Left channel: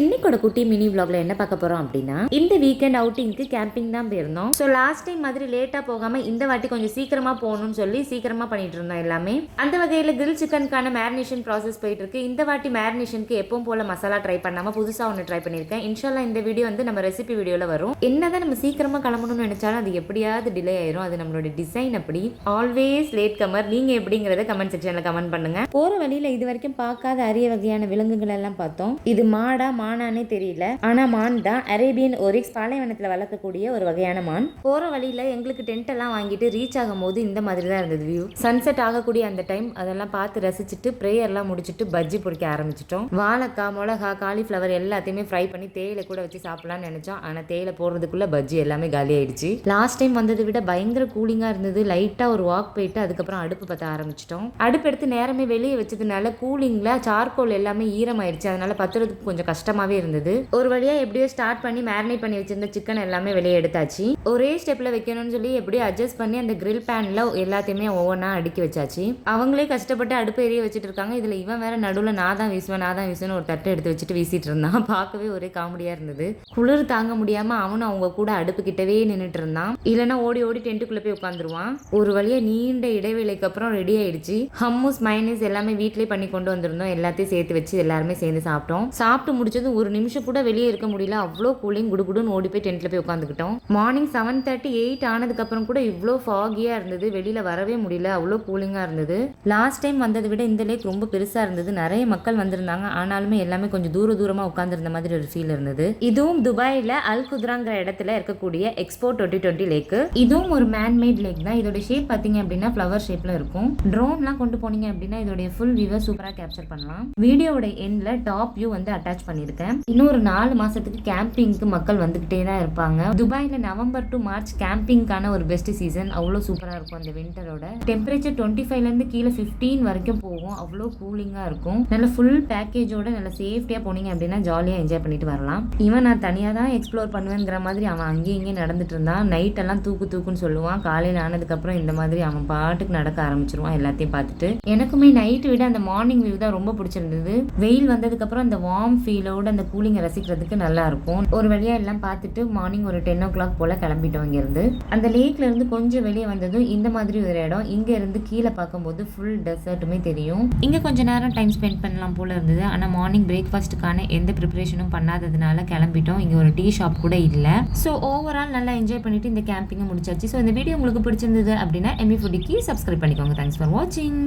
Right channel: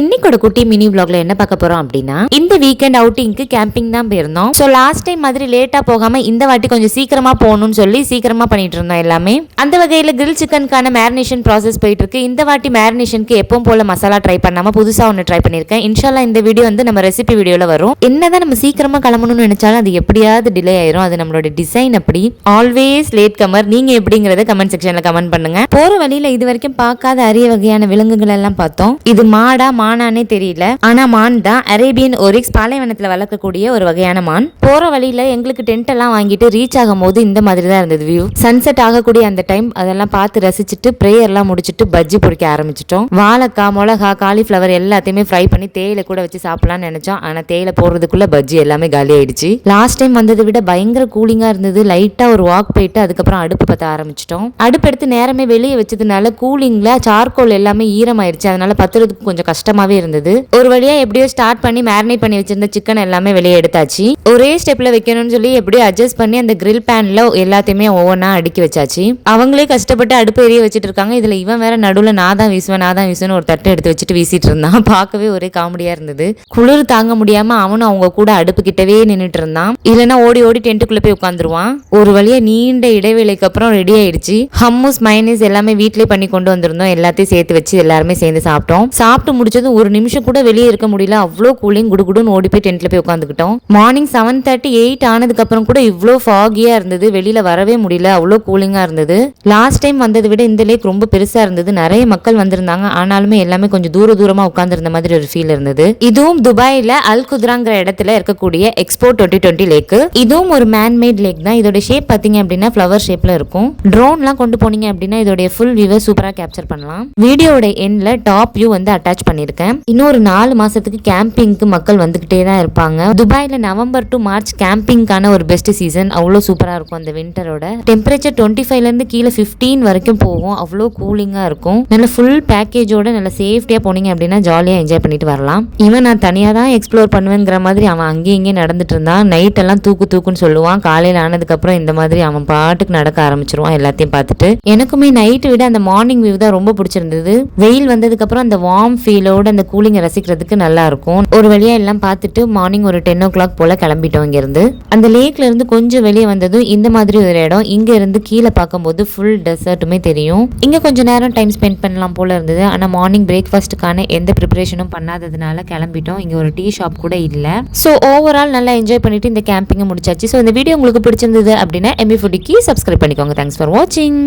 இன்னைக்கு குட்டி மினி vlogல என்ன பார்க்க போறோம் அப்படின்னா, இந்த வீக்கெண்ட் அவுட்டிங்க்கு கேம்பிங் தான் போயிருந்தோம். சோ லாஸ்ட் டைம் மாதிரி லேட்டா போகாம இந்த வாட்டி கொஞ்சம் சீக்கிரமா போகணும்னு சொல்லி சீக்கிரமா பண்ணிட்டு இருந்தோம் எல்லாமே. அந்த வகையில கிரில் சிக்கனுக்கான மேரினேஷன் ப்ராசஸ் போயிட்டு இருக்கு. இந்த வாட்டி மேரினேஷனுக்கு எப்பவும் போல மசாலா ட்ரை பண்ணாம புதுசா ஒன்று ட்ரை பண்ணிருக்கேன். இன்ஷால்லா இந்த வீடியோ வந்து நம்ம ரெசிபி வீடியோல வரும். என்னதான் நம்ம சீக்கிரமா கிளம்பணும்னு நினைச்சாலும் அது எப்படியாவது டிலே ஆயிரும். அது நம்மளோட டிசைன் அப்படி. Always latecomer. நீங்க எப்படிங்கறத கமெண்ட் செக்ஷன்ல கமெண்ட் பண்ணுங்க. போற வழியில இது வரைக்கும் பார்க்காத அரிய வகையான விலங்குகள் எல்லாம் பார்த்தோம். இது மாடா மானானே தெரியல, ஆனா மான் தான். அரேபியன் ஒரிக்ஸ் பாலைவனத்துல வளர்க்கக்கூடிய ஒரு வகையான மான். போற வழியில எங்களுக்கு டென்ட் எல்லாம் வாங்கிட்டு ரீச் ஆகும் போது இந்த மாதிரி தான் இருந்தது வியூ. சன்செட் ஆகக்கூடிய அந்த டைம் அதெல்லாம் பார்த்து ரசிச்சுட்டு பிரேயர் எல்லாம் முடிச்சுட்டு பஜ்ஜி பொரிக்க ஆரம்பிச்சிட்டோம். வாழைக்காய், மிளகா, காலிஃபிளவர் எல்லாத்தையுமே ஃப்ரை பண்ணி தேயிலை கூட வச்சு சாப்பிடலாம்னு நினைச்சோம். ஆனா தேயிலை போடுறதுக்குள்ள பஜ்ஜி எல்லாமே காலி ஆயிடுச்சு. லாஸ்ட் டைம் வந்ததை விட பயங்கர கூலிங்கா இருந்தது. லைட்டா ஒரு வாக் போயிட்டு அதுக்கப்புறம் அடுப்பு பத்த ஆரம்பிச்சிட்டோம். அடுப்பு எடுத்து நேரமே வெளியே வச்சதுனால கூலிங்ல சார்கோல் எல்லாமே ஈரமாயிருச்சு. அதனால பத்துறதுக்கு கொஞ்சம் கஷ்டமாவே இருந்தது. ஒரு வழியா எப்படியோ ஸ்டார்ட் பண்ணி மேரினேட் பண்ணி வச்சிருந்த சிக்கன் எல்லாமே வெளியே எடுத்தாச்சு. ஒரே ஸ்டெப்ல வைக்கணும்னு சொல்லி எப்படியோ அட்ஜஸ்ட் பண்ணி அந்த கிரில் பேன்ல எல்லாத்தையுமே ஒவ்வொன்றா அடுக்கி வச்சாச்சு. அவங்களே கஷ்டப்பட்டு அடுப்பு எரிய வச்சுட்டு இருக்காங்க. இதுல இவன் வேற நடுவில் நான் தான் வீசுவேன் ஒரு தட்டை எடுத்து வச்சுட்டு வீசிட்டு இருந்தான். பார்க்கவே ஒரே காமெடியா இருந்தது. குளிர் தாங்க முடியாம அவனும் அவங்க கூட அடுப்பு கிட்டவே நின்றுட்டு இருந்தான். இல்லைன்னா ஓடி ஓடி டென்ட்டுக்குள்ள போய் உட்காந்துருவான். ஒரு வழியா நீண்ட இடைவேளைக்கு அப்புறம் ரெடி ஆயிடுச்சு. ஹம்மூஸ் மைனஸ் எல்லாமே வீட்லயே பண்ணி கொண்டு வந்திருந்தோம். எல்லாத்தையும் சேர்த்து வச்சு எல்லாருமே சேர்ந்து சாப்பிட்டோம். சாப்பிட்டு முடிச்சதும் ஒரு நிமிஷம் கூட வெளியே இருக்க முடியல. அவ்வளோ கூலிங். குடுகுடுன்னு ஓடி போய் டென்ட்ல போய் உட்காந்துக்கிட்டோம். மார்னிங் 7:38 ஆனதுக்கு அப்புறம் கூட இவ்வளோ ஃபாகியா இருந்தது. வெளியில வரவே முடியல. அவ்வளோ கூலிங்கா இருந்தது. லாஸ்ட் டைம் வந்ததை விட இந்த லேக் ரொம்ப பெருசா இருந்தது. நிறைய மக்கள் வந்திருந்தாங்க. ஆனாலுமே எல்லாமே கொஞ்சம் தூரமா உட்கார்ந்து மாதிரி ஒரு ஃபீல் இருந்தது. இதுவும் துபாயில அல் குத்ராங்கிற இடத்துல இருக்கக்கூடிய எக்ஸ்போ 2020 லேக். இதுவும் ஒரு மேன்மேட் லேக் தான். இதோட ஷேப் பாத்தீங்க அப்படின்னா ஃபிளவர் ஷேப்ல இருக்கும். ட்ரோன்லாம் கொண்டு போனீங்க அப்படின்னா இதோட ஃபுல் வியூவை சூப்பரா கேப்சர் பண்ணலாம். வீடியோட எண்ட்ல டாப் வியூ வந்து அட்டாச் பண்ணிருக்கேன். இன்னொரு 4 மாசத்துக்கு கேம்பிங்க்கு மக்கள் வந்துகிட்டே தான் இருப்பாங்க. துபாயில நவம்பர் டு மார்ச் கேம்பிங்கான ஒரு பெஸ்ட் சீசன். அவ்வளோ சூப்பரா இருக்கும். அந்த விண்டரோட டெம்பரேச்சர் 25ல இருந்து கீழே 15 வரைக்கும் போகும். அவ்வளோ கூலிங்கா இருக்கும். நல்ல ஃபுல் பேக்கேஜோட நல்ல சேஃப்டியா போனீங்க அப்படின்னா ஜாலியா என்ஜாய் பண்ணிட்டு வரலாம். இவன் நான் தனியா தான் எக்ஸ்ப்ளோர் பண்ணுவேங்கிற மாதிரி அவன் அங்கேயும் இங்கே நடந்துட்டு இருந்தான். நைட் எல்லாம் தூக்குன்னு சொல்லுவான். காலையில ஆனதுக்கு அப்புறம் இந்த மாதிரி அவன் பாட்டுக்கு நடக்க ஆரம்பிச்சிருவான். எல்லாத்தையும் பார்த்துட்டு எனக்குமே நைட்டு விட அந்த மார்னிங் வியூ தான் ரொம்ப பிடிச்சிருந்தது. வெயில் வந்ததுக்கு அப்புறம் அந்த வார்ம் ஃபீலோட அந்த கூலிங்கை ரசிக்கிறதுக்கு நல்லா இருக்கும். ஒரு வழியா எல்லாம் பார்த்துட்டு மார்னிங் ஒரு 10 o'clock போல கிளம்பிட்டோம். இங்க இருந்து அந்த லேக்ல இருந்து கொஞ்சம் வெளியே வந்ததும் இந்த மாதிரி ஒரு இடம். இங்க இருந்து கீழே பார்க்கும்போது ஃபுல் டெசர்ட்டுமே தெரியும். இங்க கொஞ்சம் நேரம் டைம் ஸ்பெண்ட் பண்ணலாம் போல இருந்தது. ஆனா மார்னிங் பிரேக்ஃபாஸ்ட்டுக்கான எந்த ப்ரிப்பரேஷனும் பண்ணாததுனால கிளம்பிட்டோம். இங்க ஒரு டீ ஷாப் கூட இல்ல. ஸோ ஓவரால் நல்லா என்ஜாய் பண்ணிட்டு இந்த கேம்பிங்கை முடிச்சாச்சு. ஸோ இந்த வீடியோ உங்களுக்கு பிடிச்சிருந்தது அப்படின்னா எம்பி ஃபுட்டிக்கு சப்ஸ்கிரைப் பண்ணிக்கோங்க. தேங்க்ஸ் ஃபார் வாட்சிங்.